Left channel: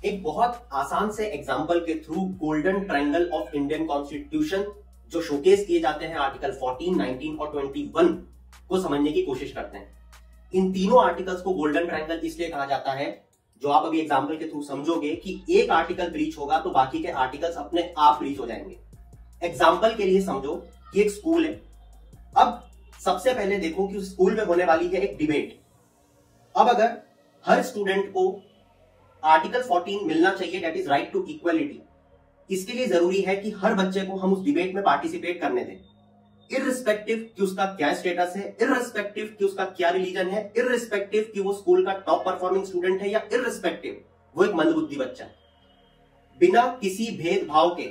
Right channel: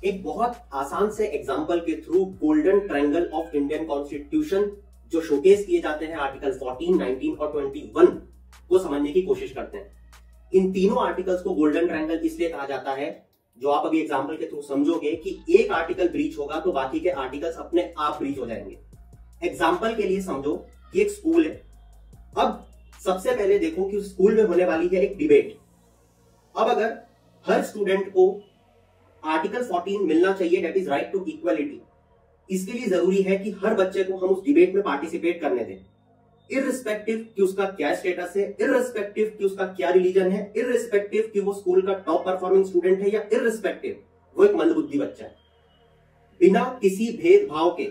एक बहुत आसान से एग्जाम्पल के through golden triangle of Indian constitution जो शोकेस किए जाते हैं आर्टिकल 14, 19 और 21 को समझने की कोशिश करते हैं। इन तीनों आर्टिकल्स को गोल्डन ट्रायंगल इसलिए कहा जाता है, जो आप अभी एग्जाम्पल के थ्रू समझोगे कि एक आर्टिकल ब्रीच होगा तो बाकी के आर्टिकल्स अपने आप ब्रीच हो जाएंगे। एग्जाम्पल के लिए समझो कि एक स्कूल है। अब सबसे पहले देखो कि उस स्कूल में होने वाली है एक डिबेट। अब अगर हर स्टूडेंट को आर्टिकल 14 मिलना चाहिए, that is right to equality, इसके लिए जरूरी है कि हर बच्चे को हम उस डिबेट में पार्टिसिपेट करने दें, इररिस्पेक्टिव कि उसका क्या स्टेटस है, इररिस्पेक्टिव कि उसका क्या रिलीजन है, इररिस्पेक्टिव कि वो स्कूल का टॉप परफॉर्मिंग स्टूडेंट है या इररिस्पेक्टिव वो एक मंदबुद्धि बच्चा है। बिना किसी भेदभाव के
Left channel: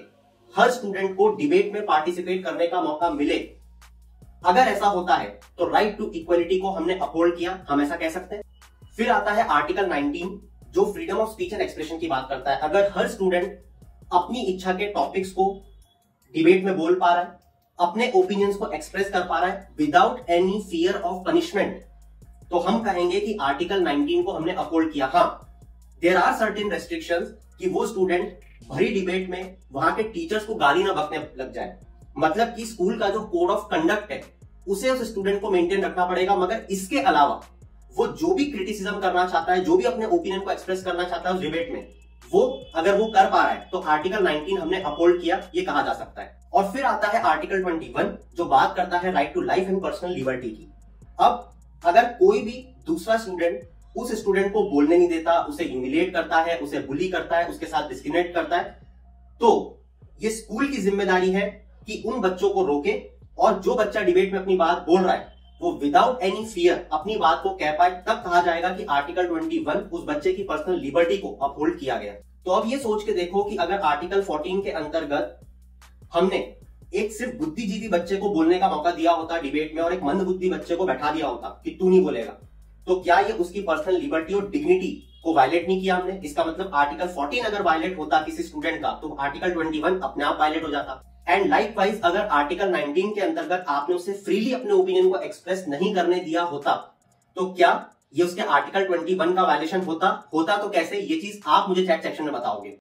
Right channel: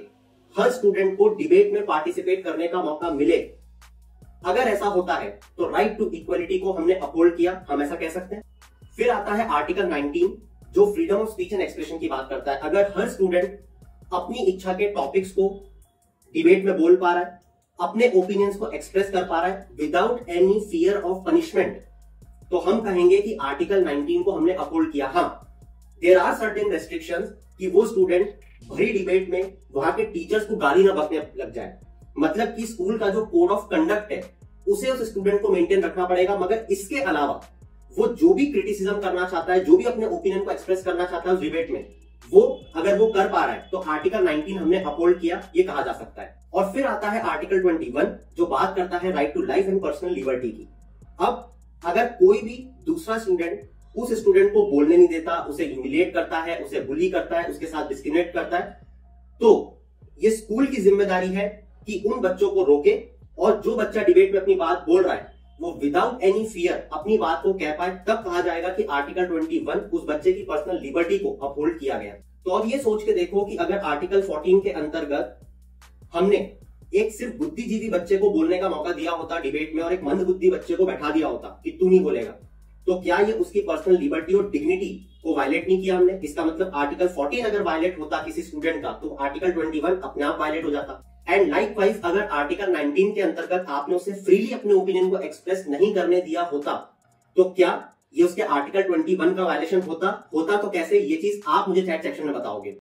हर स्टूडेंट को डिबेट में पार्टिसिपेट करने का मौका मिले। अगर ऐसा होता है तो राइट टू इक्वलिटी को हमने अपहोल्ड किया, हम ऐसा कह सकते हैं। फिर आता है आर्टिकल 19 जो freedom of speech and expression की बात करता है। अगर हर स्टूडेंट अपनी इच्छा के टॉपिक्स को डिबेट में बोल पा रहा है, अपने ओपिनियंस को एक्सप्रेस कर पा रहा है without any fear of punishment, तो हम कहेंगे कि आर्टिकल 19 को हमने अपहोल्ड किया। हाँ, देयर आर सर्टेन रेस्ट्रिक्शंस कि वो स्टूडेंट भरी डिबेट में वहां के टीचर्स को गाली ना बकने लग जाए, मतलब कि स्कूल का जो कोड ऑफ कंडक्ट है उसे उस स्टूडेंट को मेंटेन रखना पड़ेगा। मगर इसके अलावा वो जो भी क्रिटिसिज्म करना चाहता है, जो भी अपने ओपिनियन को एक्सप्रेस करना चाहता है उस डिबेट में, वो अगर वो कर पा रहा है तो आर्टिकल 19 हमने अपहोल्ड किया, ये कहा जा सकता है। और फिर आता है आर्टिकल 21 जो बात करता है right to life and personal liberty की। अब अगर कोई भी दूसरा स्टूडेंट उस स्टूडेंट को बोलने नहीं देता, उसे ह्यूमिलिएट करता है, उसे बुली करता है, उसके साथ डिस्क्रिमिनेट करता है, तो ये स्कूल की जिम्मेदारी है कि उन बच्चों को रोके और जो बच्चा डिबेट में अपनी बात बोल रहा है वो विदाउट एनी फियर अपनी बात को कह पाए। तब कहा जाएगा कि आर्टिकल 21 उस बच्चे की पर्सनल लिबर्टी को अपहोल्ड किया गया। तो अब ये सोच के देखो कि अगर आर्टिकल 14 के अंतर्गत हमने एक सिर्फ बुद्धिजीवी बच्चे को बोलने का मौका दिया होता डिबेट में और एक मंदबुद्धि बच्चे को बैठा दिया होता कि तू नहीं बोलेगा, तो क्या ये उसकी पर्सनल लिबर्टी और डिग्निटी को वायलेट नहीं किया हमने? इसका मतलब आर्टिकल 14 अगर वायलेट होता किसी स्टूडेंट का तो आर्टिकल 21 अपने आप वायलेट हो जाता। एंड लाइकवाइज अगर आर्टिकल 19 के अंतर्गत आपने उसे फ्रीली अपने ओपिनियन को एक्सप्रेस नहीं करने दिया होता तो क्या ये उसके आर्टिकल 21 का वायलेशन होता? तो कैसे, ये चीज आप मुझे चैट सेक्शन में बताओगे।